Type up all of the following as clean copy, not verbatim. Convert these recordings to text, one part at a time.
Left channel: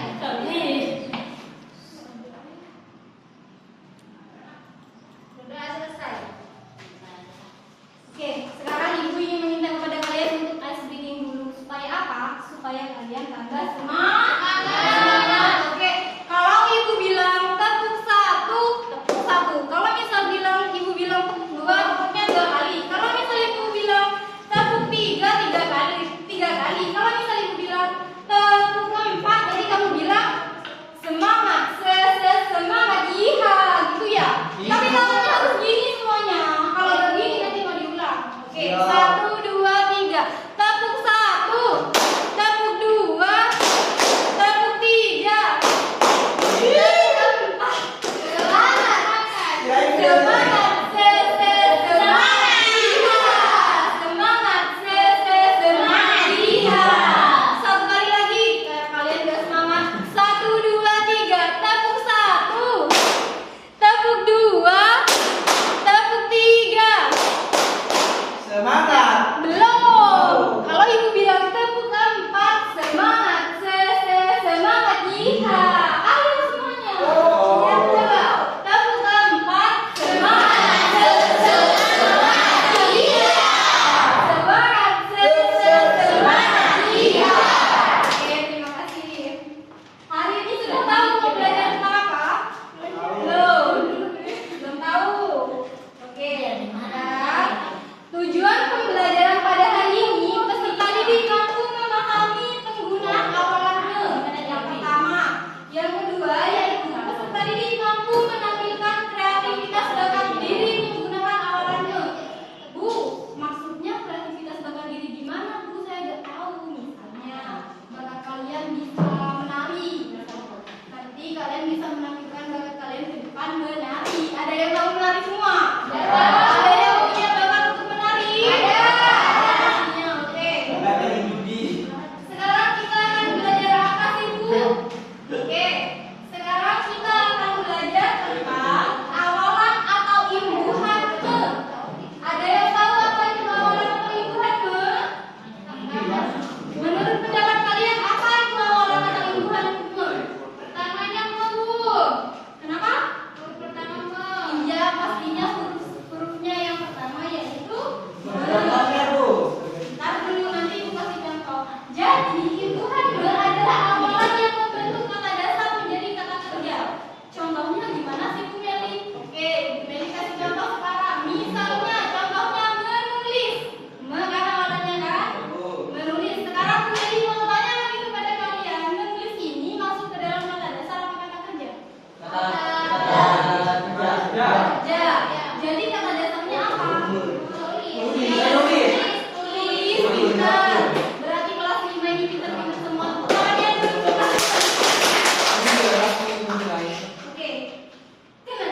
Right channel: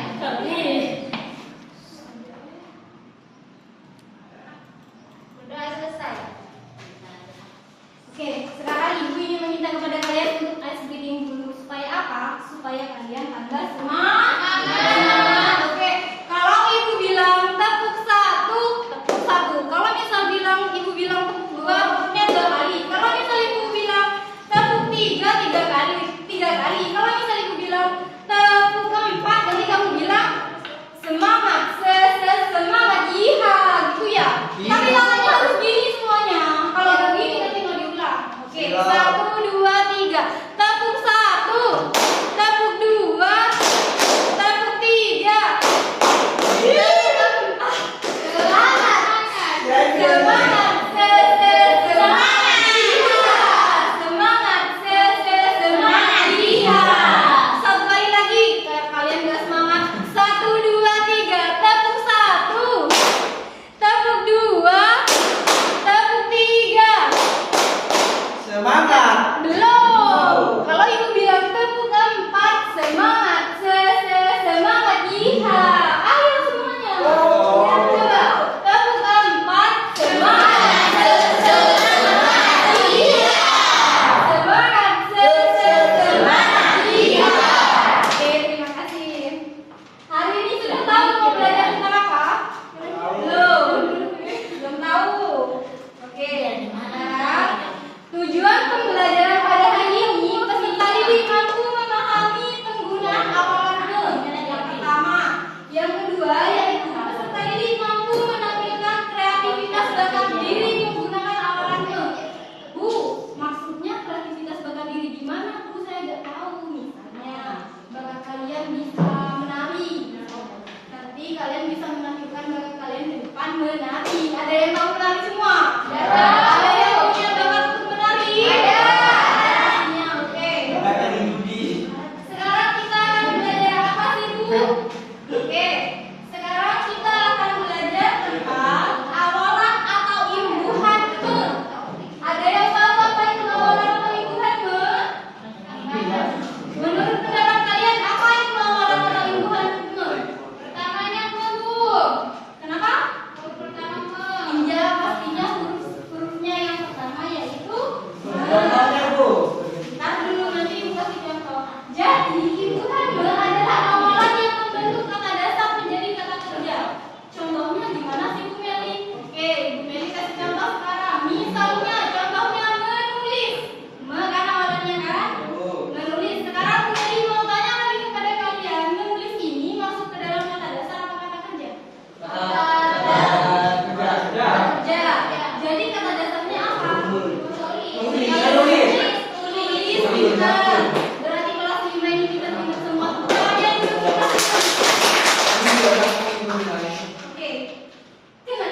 Nih. Sudah selesai. Oke, sekarang ibu ingin meminta kepada kalian untuk ice breaking dulu. Supaya apa? Supaya kalian tambah semangat. Oke, kalau ibu bilang tepuk satu, tepuk satu. Kalau misal ibu bilang tepuk dua, tepuknya dua kali. Kalau misal ibu bilang tepuk tiga, tiga kali. Kalau misal ibu bilang tepuk empat, nanti kamu bilang semangat, semangat, iya, gitu ya. Tapi tangannya harus gini semuanya. Kalau nggak gini nanti mau diulang. Oke, satu, dua, tiga. Tepuk satu, tepuk dua, tepuk tiga, tepuk empat. Semangat, semangat, semangat, iya. Semangat, semangat, iya. Satu kali lagi, kalian nggak semangat. Satu, dua, tiga. Tepuk satu, tepuk dua, tepuk tiga. Semangat. Belum. Kalau ibu bilang tepuk empat, semangat, semangat, iya. Ayo semuanya. Yang kedua, tepuk empat, semangat, semangat, iya. Semangat, semangat, iya. Oke, terima kasih. Hari ini sudah tahu mau belajar tentang apa? Belum tahu. Oke, sekarang tujuan pembelajaran pada hari ini, peserta didik mampu memahami penggunaan awalannya. Yang pertama, yang kedua yaitu peserta didik mampu menampilkan kreativitas bakat diri menggunakan awalannya. Bu, maksudnya kreativitas bakat diri gimana? Bu, saya nggak tahu. Misalnya, bakat kalian bisa menari. Nanti kalian bisa menampilkan bakat kalian di depan menari. Ada yang tahu menari semua? Ada yang punya bakat untuk menari? Ada. Oke. Sekarang kita akan belajar apa sih, Bu? Oke. Sekarang kita akan belajar tentang awalan atau imbuhan me. Ada yang tahu apa itu awalan atau imbuhan me? Menurut pendapat kalian apa itu awalan atau imbuhan me? Pertamanya me, Bu. Kenapa? Pertama me. Iya, pastinya hurufnya yang pertama yaitu me. Contohnya, Bu. Ntar dulu nanti ibu kasih contoh. Jadi imbuhan me adalah awalan yang membentuk kata dasar menjadi kata kerja. Contohnya gimana sih, Bu Meli? Oke, Bu Meli kasih contoh sekarang. Misalnya contohnya menulis. Me kan awalannya kan? Menulis. Sekarang Bu Meli mau tanya lagi kepada kalian, menulis ini masuk ke dalam kata dasar apa kata kerja? Kerja. Jadi kata dasarnya apa? Tulis. Pintar. Berarti kelas 5 ini pintar-pintar semua. Kalian belum pintar. Oke.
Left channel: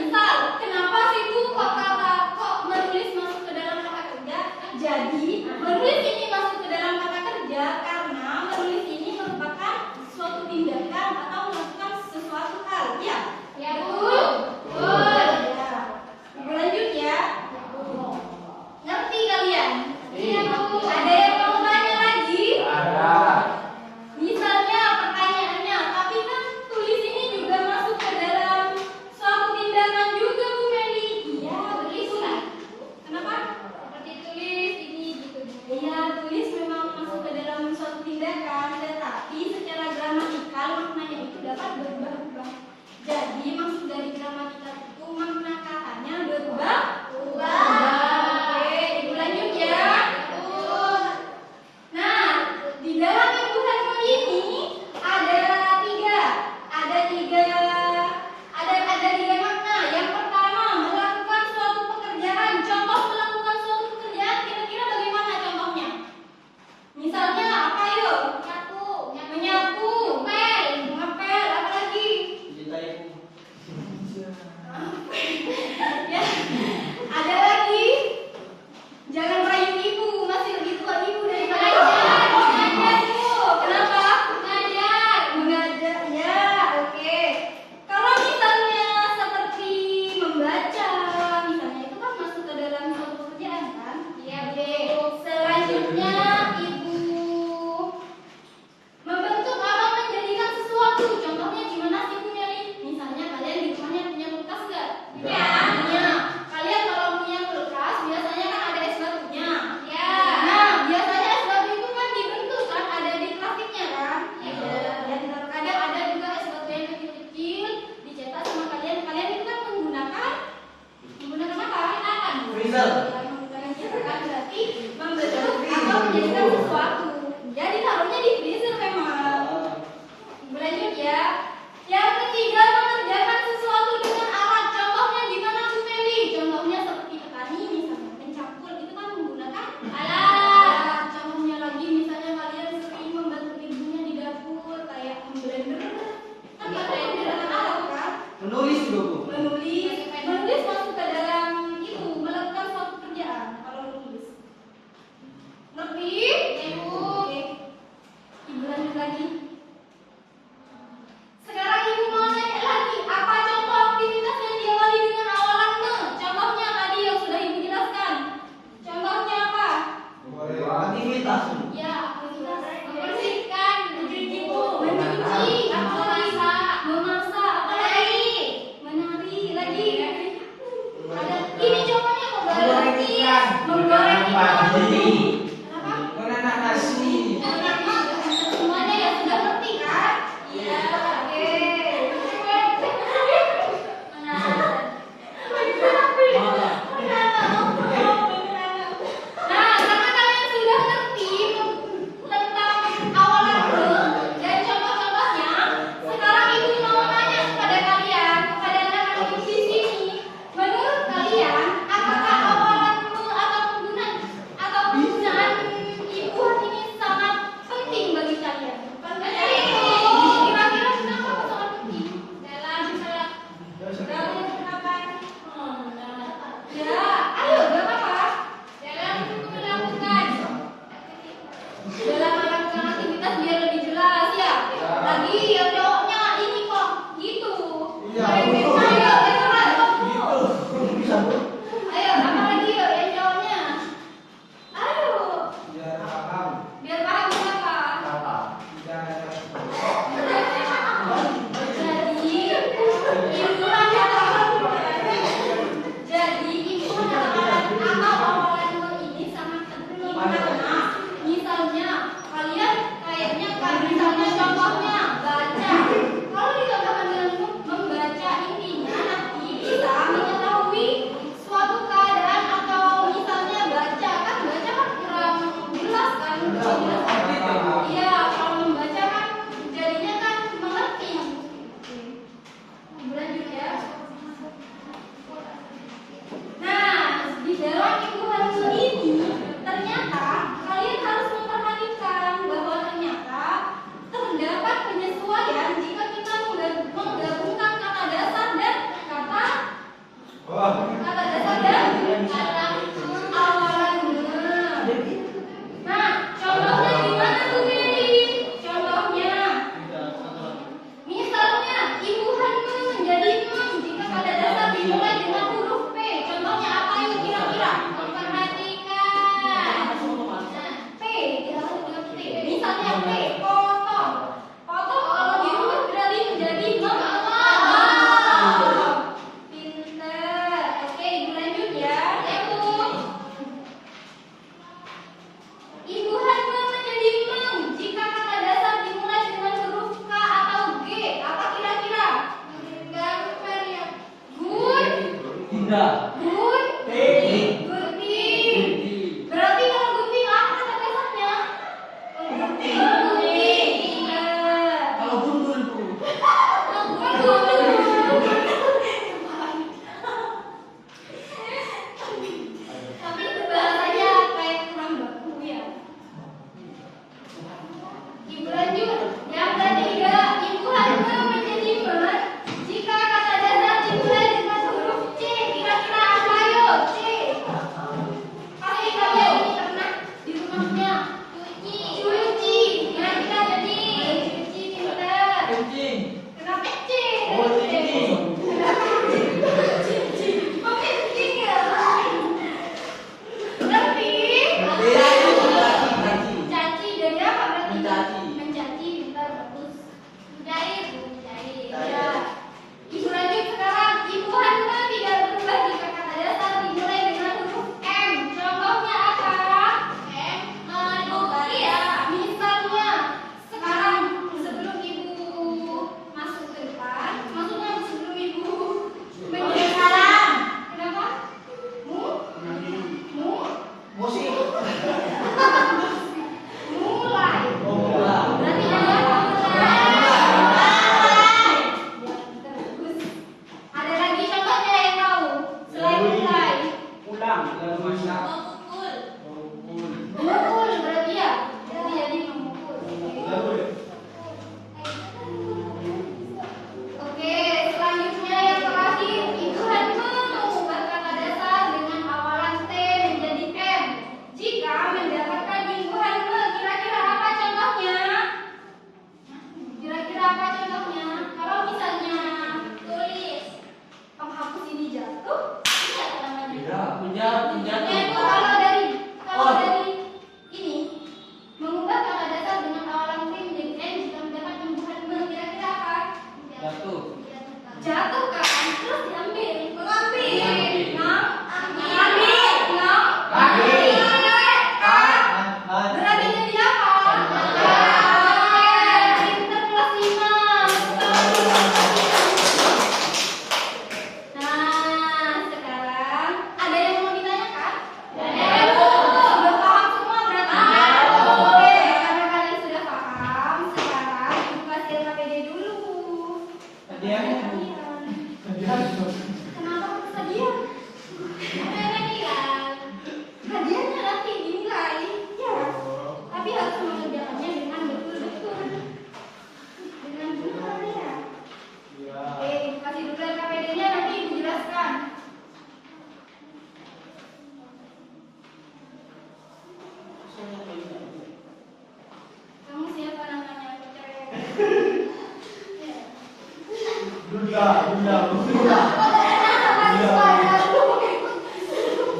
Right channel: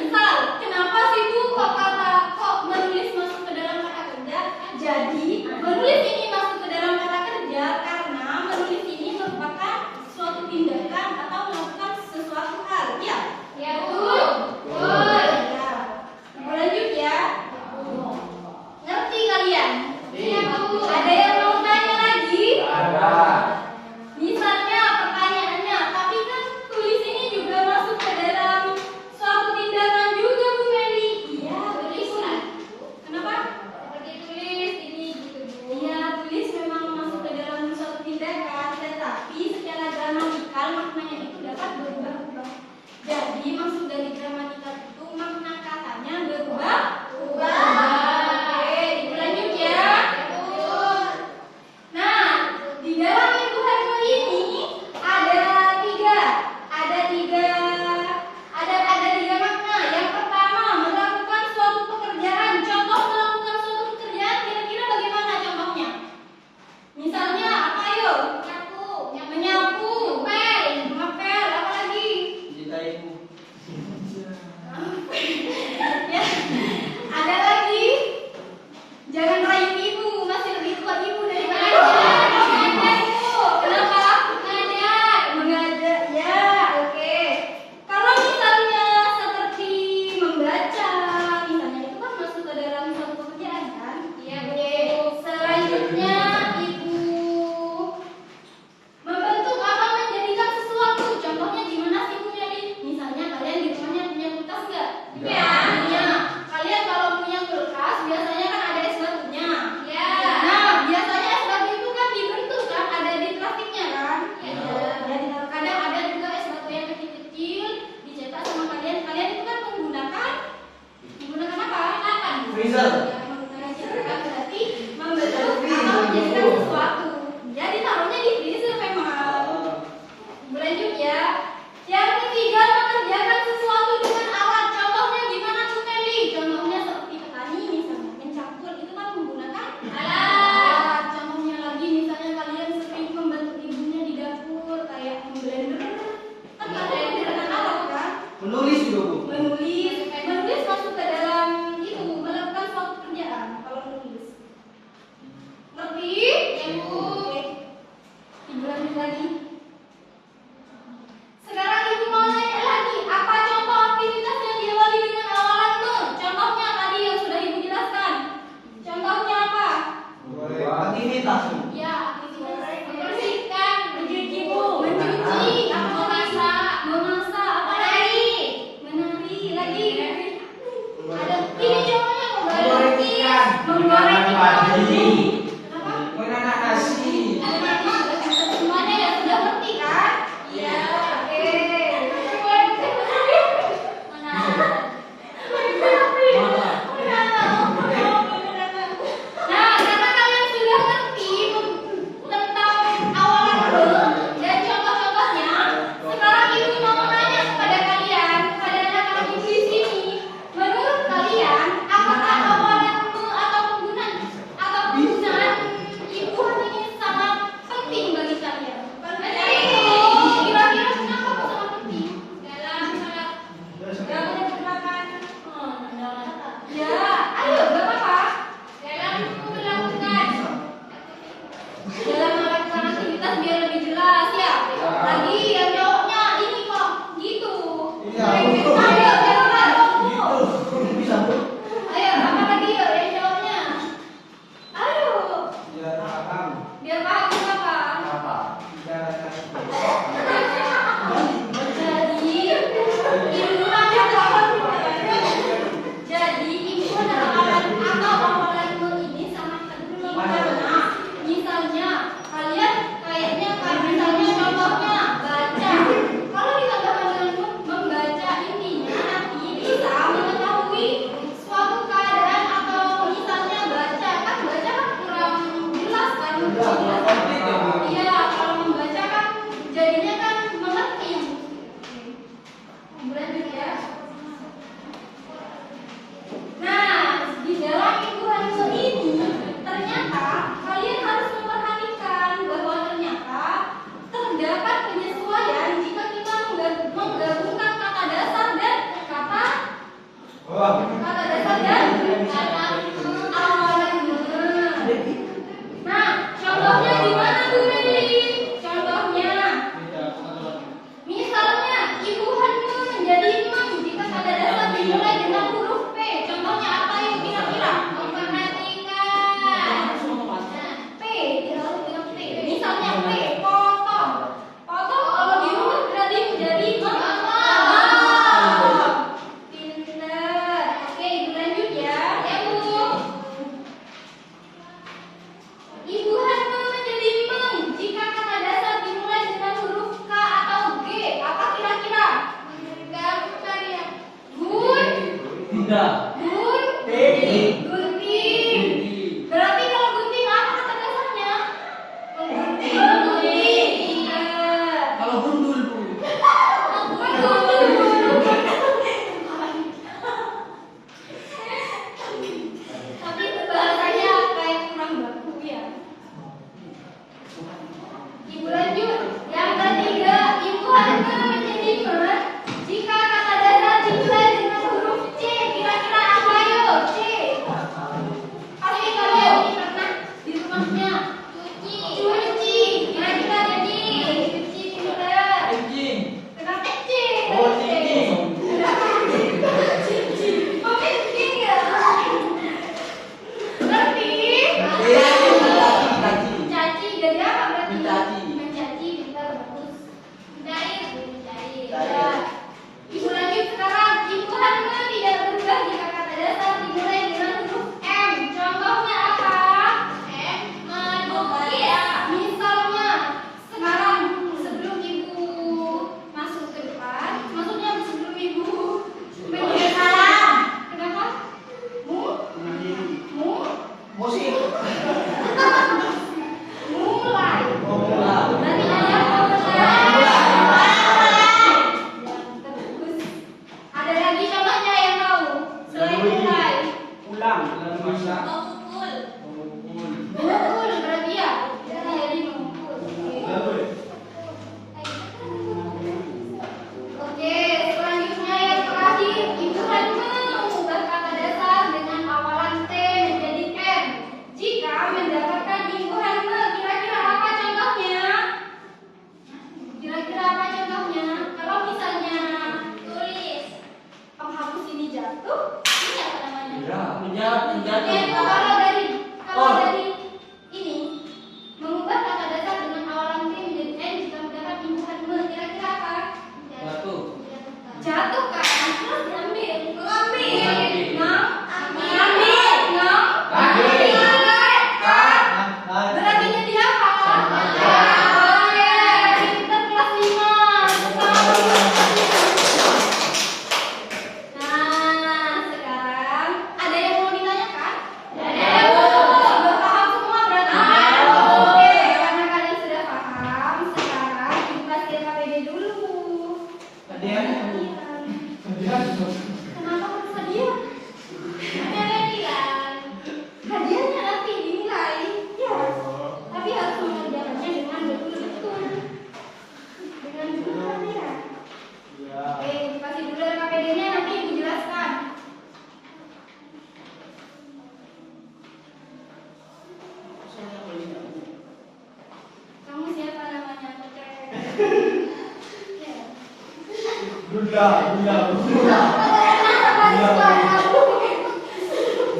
Misal, kenapa sih Bu kok menulis masuk ke dalam kata kerja? Jadi, menulis ini masuk ke dalam kata kerja karena menulis ini merupakan suatu tindakan atau melakukan sesuatu hal. Ya? Ya, betul. Betul. Ya. Lanjut ya. Ngerti kalian? Iya, Bu. Ada yang mau tanya lagi? Misalnya pertanyaannya, tapi kan tulis ini juga masuk ke dalam suatu tindakan juga, Bu Meli. Iya, tulis lah. Kenapa? Seperti tulis ini gitu. Iya, tulis memang masuk ke dalam suatu tindakan, tetapi secara gramatikal maknanya itu dapat berubah-ubah. Jadi maksud dari gramatikal itu Lebih? Ibu. Ibu lanjut lagi. Sekarang ibu mau nanya lagi, apa contoh aktivitas yang diawali dengan awalan ne? Contohnya tadi yang sudah ibu jelaskan. Contohnya apa? Aktivitas. Ya, membersihkan, mencuci, apa memasak, apa lagi? Menari lagi. Ada ini contohnya menggoreng ikan. Kenapa? Menanam nasi. Semuanya ya sudah ngerti kan? Iya. Nah, karena kalian sudah ngerti tentang awalan be dan contoh-contohnya, sekarang ibu mau nanya kepada kalian, kepada anak-anak ibu di sini, menurut kalian apakah awalan be atau penggunaan ibuan ini sangat penting bagi kalian? Penting. Kira-kira kenapa kok sangat penting? Dalam penerapan. Ya, ayo gak apa-apa. Dalam melakukan aktivitas biar lebih jelas ya. Lagi yang jawabnya ini kok gitu. Ayo, ayo, apa lagi ya yang jawabnya? Ayo, biar paham kenapa. Jadi ibu adalah awalan ini sangat penting karena misalnya kalian kayaknya kan misalnya contohnya baca. Kalau ditambahkan dengan membaca intinya nanti bisa mengetahui suatu keadaan atau misalnya baca kan kurang jelas kan? Iya, kalau membaca kan jadinya kan mengerti. Lanjut ya. Nah, di dalam ibu hamil ini ternyata kalian harus memperhatikan bahwa ternyata terdapat penyesuaian jika kita menggabungkan kata dasar dan kata awalan be. Nah, contohnya gimana tuh Meli? Contohnya, misalnya ibu hamil menjadi mem jika kata dasar dimulai dengan huruf P. Contohnya apa yuk kira-kira? Memperhatikan. P, tidak dengan P. Misalnya P, potong. Potong kalau dirubah berarti menjadi pinter. Oke, ibu lanjut ya. Ibu hamil menjadi mem jika kata dasar dimulai dengan huruf K atau G. Apa kira-kira? Gunting. Berarti kalau gunting apa kata dasarnya? Gunting. Kalau gundul Bu. Tapi itu bahasanya kayak kurang baku ya. Ibu lanjut. Yang ketiga, ibu hamil menjadi mem jika kata dasar dimulai dengan huruf C. Kira-kira apa yuk? C. Pasti kalian ini pernah di rumahnya. Cuci. Kira-kira jadi cuci pinter. Kencing. Kenapa C? Oh, kencing. Kenapa cuci? Oh, kencing ya? Lebih. Mencaci. Jadi apa berarti? Mencaci pintar bagus. Mencair. Ya. Ibu lanjut sekarang. Ibu hamil tidak berubah jika kata dasar dimulai dengan huruf M. Contohnya apa? M. Melukis. Misalnya sekarang sebelum ibu masuk ke depan, maksudnya sebelum ibu menjadi salam. Kenapa? Musik. Mulai. Mulai. Berarti ada terus. Ada lagi contohnya yang tahu? Selain mulai. Ulang. Masak. Memukul. Pukul. Memukul berarti ya. Berarti jadi memukul. Oke, selanjutnya yang terakhir, ibu hamil mengubah kata dasar dengan awalan T menjadi M jika mendapat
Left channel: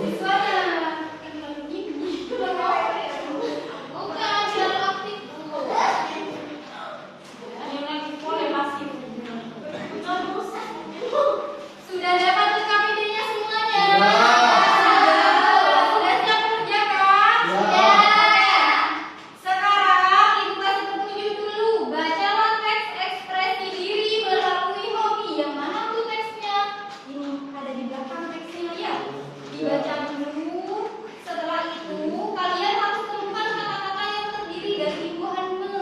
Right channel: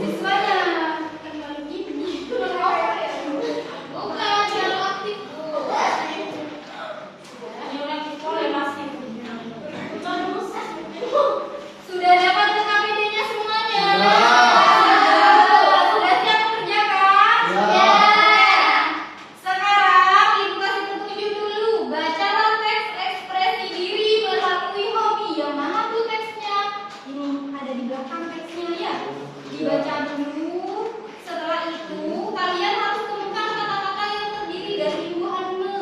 Siswanya kembali gini. Bukan, terlalu aktif Bu. Ayo lagi boleh pasti. Sudah dapat KPD-nya semuanya? Sudah siap mengerjakan? Sekarang Ibu kasih petunjuk dulu. Bacalah teks ekspresi diri melalui hobi. Yang mana tuh teksnya? Ini ada di belakang teksnya ya. Dibaca dulu. Setelah itu kalian harus temukan kata-kata yang terdiri dari imbuhannya.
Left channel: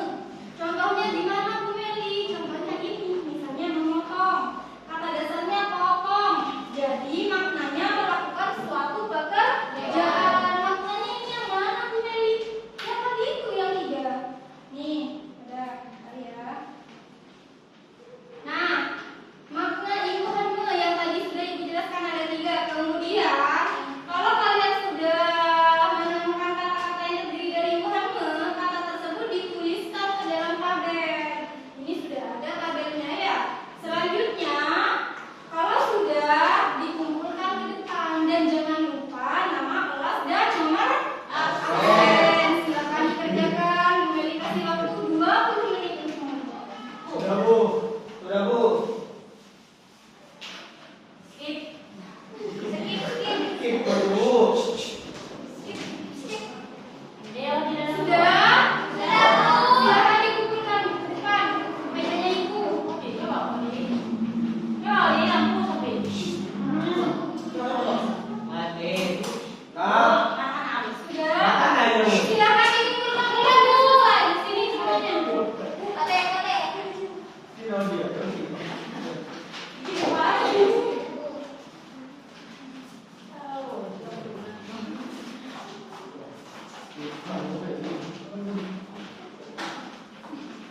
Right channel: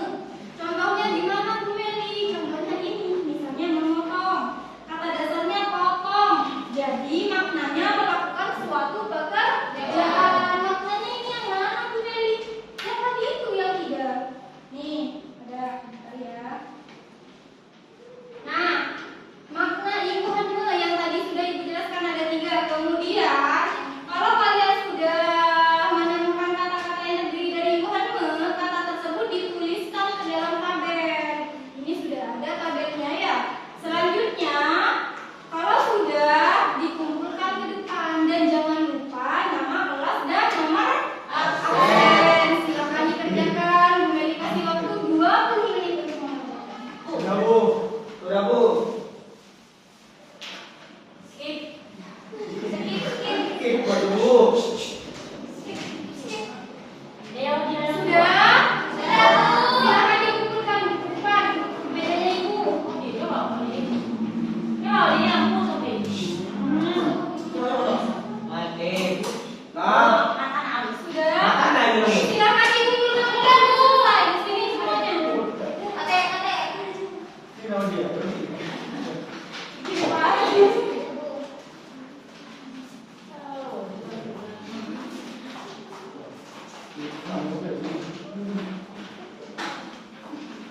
Contohnya di mana Bu Meli? Contohnya ini, misalnya memotong. Kata dasarnya potong. Jadi maknanya melakukan suatu pekerjaan. Maknanya ini yang mana Bu Meli? Yang tadi itu yang 3. Nih, ada bentar ya. Nah, makna imbuhannya yang tadi sudah Ibu jelaskan ada 3. Kemudian, kalau kalian sudah menemukan kata-kata yang terdiri dari imbuhannya, kata tersebut dituliskan ke dalam tabel. Ini sudah ada tabelnya ya. Selanjutnya, kalau sudah dikumpulkan ke depan dan jangan lupa nama kelas dan nomor absen. Silakan dikerjakan. Bu Meli kasih waktu 20 menit untuk mengerjakan. Sudah Bu. Sudah Bu. Skip. Skip. Skip Bu. Sudah? Silakan dikumpulkan di depan mejanya Ibu. Mati. Nah, Sudah? makan aja. Silakan dikumpulkan mulai di sini semuanya. Ini dia.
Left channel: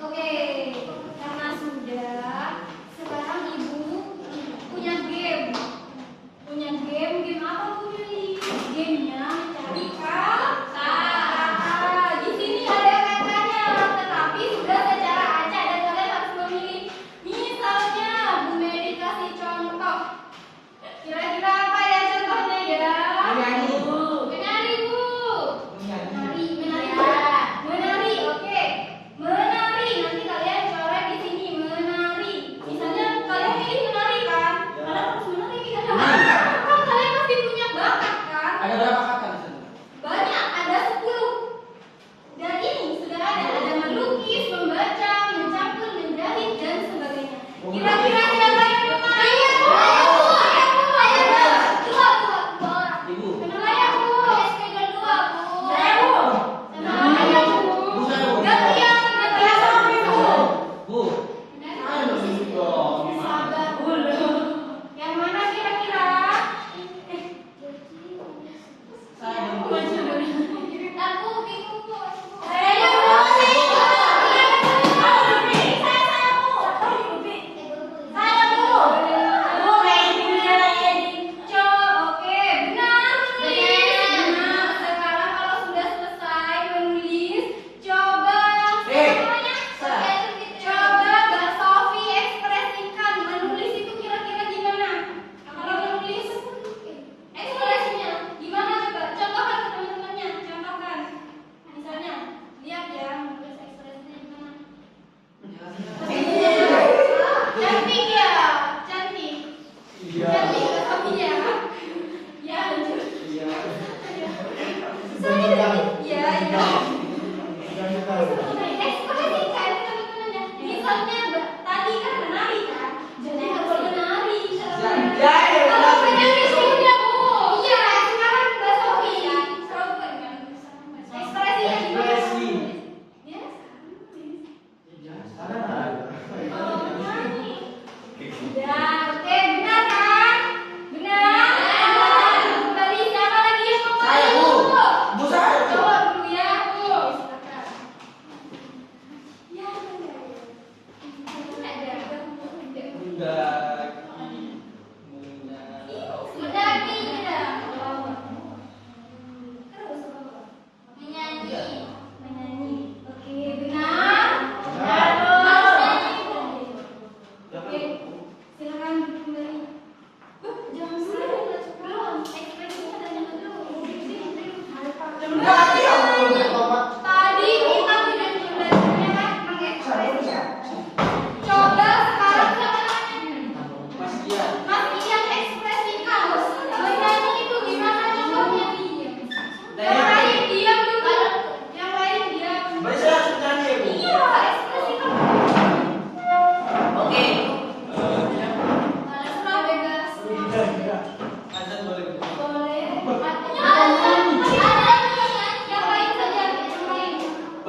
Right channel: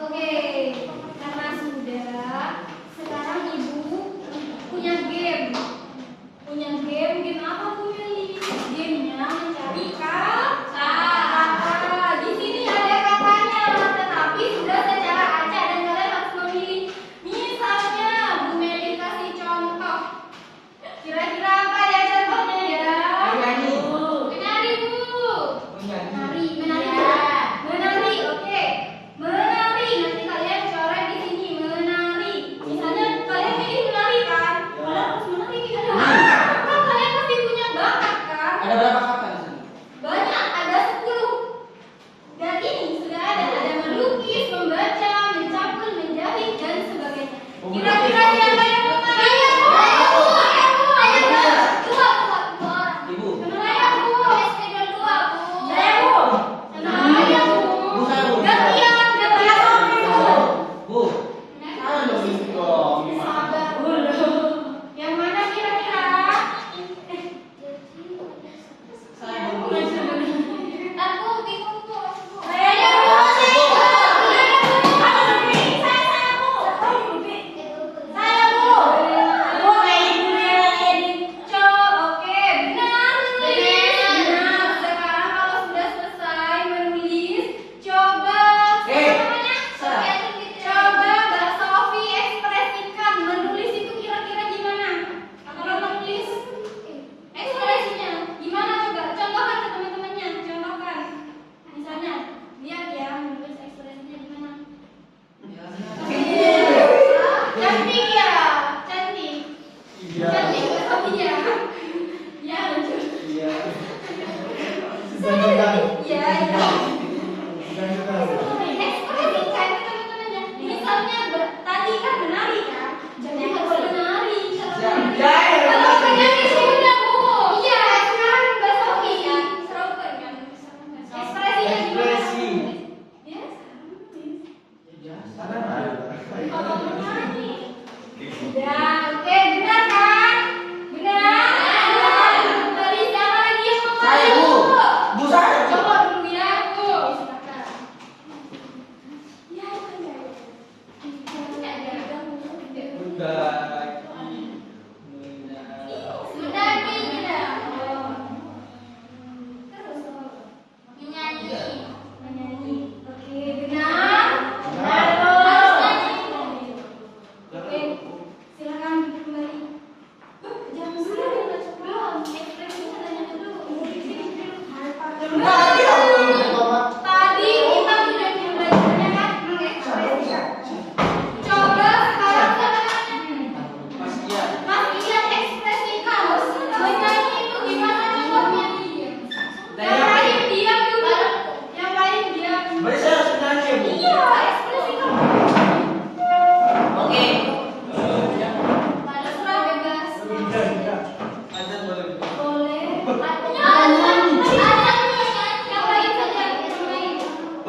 Oke, karena sudah, sekarang Ibu punya game. Game apa Bu Meli? Gamenya mencari kata. Di sini ada katanya, tetapi sudah secara acak dan kalian harus memilih. Misalnya Bu Meli kasih contoh. Kira-kira apa ya contohnya ya? Menyanyi. Menari Bu. Menyanyi. Menari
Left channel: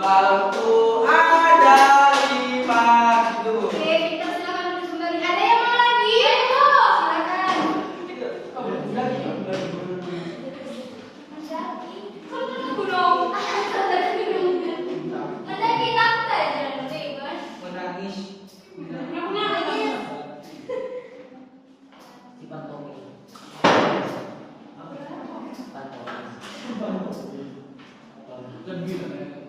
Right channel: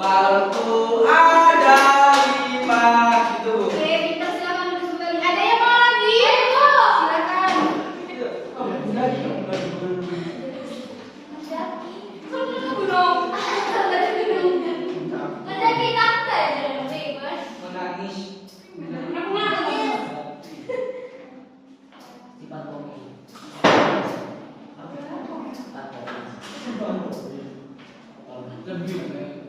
Balonku ada 5 gitu. Oke, kita silakan duduk kembali. Ada yang mau lagi? Ayo, silakan. Menangis. Lebih